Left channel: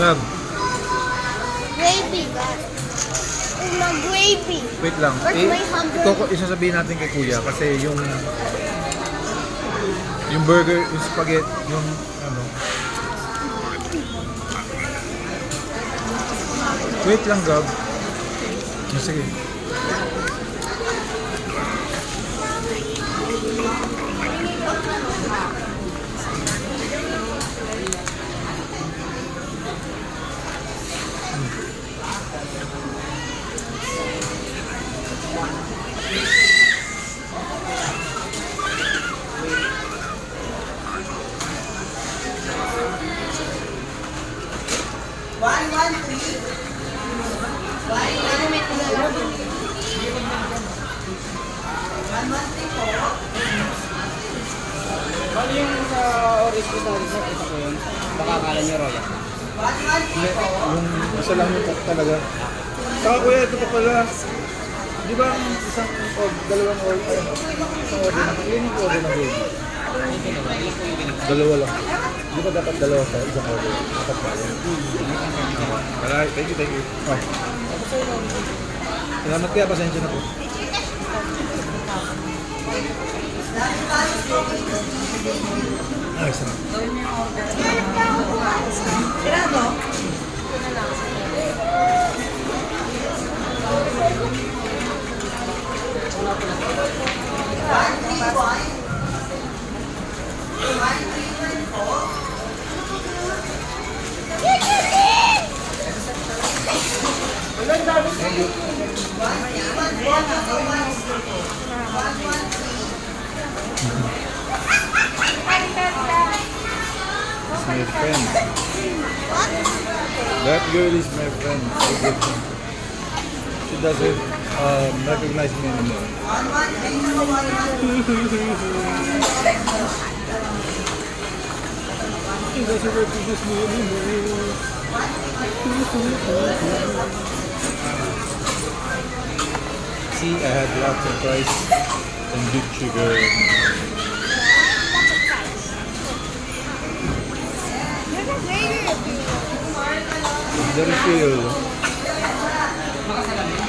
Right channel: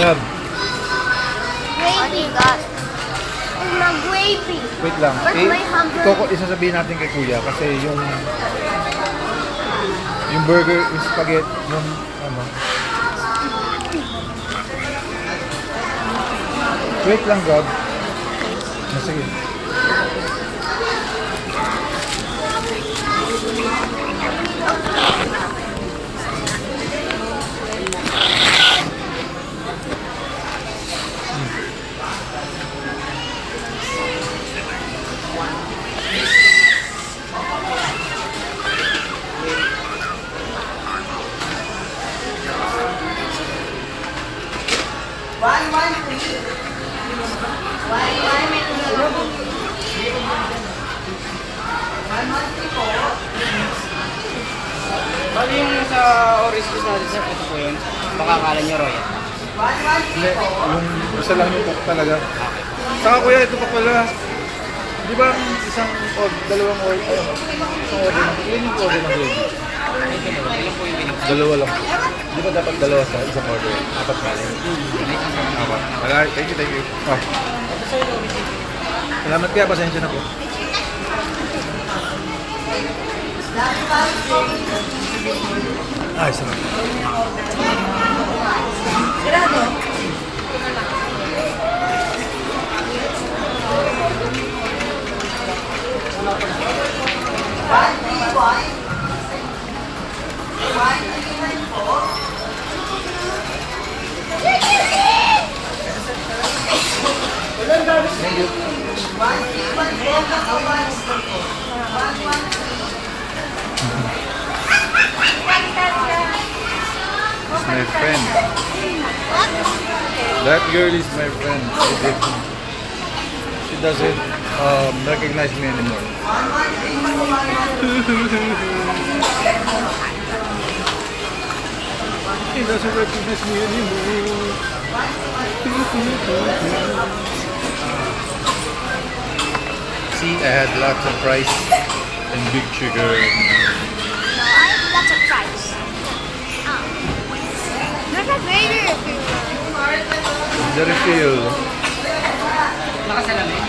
Gab, Gravy. It's not gravy. wait lang. Where's my hamburger? Isasabihin natin kay Kuya kasi yung burger, yung spaghetti, yung ano. Wait lang, Gab. Sige. Bali yung sa orange juice natin sir, ito po yun. Baka akala nyo royal. Hindi, yung isa lang yung cook talaga. Saka Kuya, ito pa pala. Di ba ang dalawang order? Isang order ng yun yung order ng baby. Ito naman, ilan po yung binigay? Dalawa lang. Di ba dapat dalawa sa isang order? Dapat pala. Okay. Thank you. Oh. Salamat kaya, pasensya na po. Ay, sarap. Thank you. It's my friend. That girl is my friend. She doesn't recognize me anymore. She doesn't recognize me anymore. See, I had lots of rice and big sugar. No, I have lots of fries. There's a gravy refill. The refill. Makasalamin.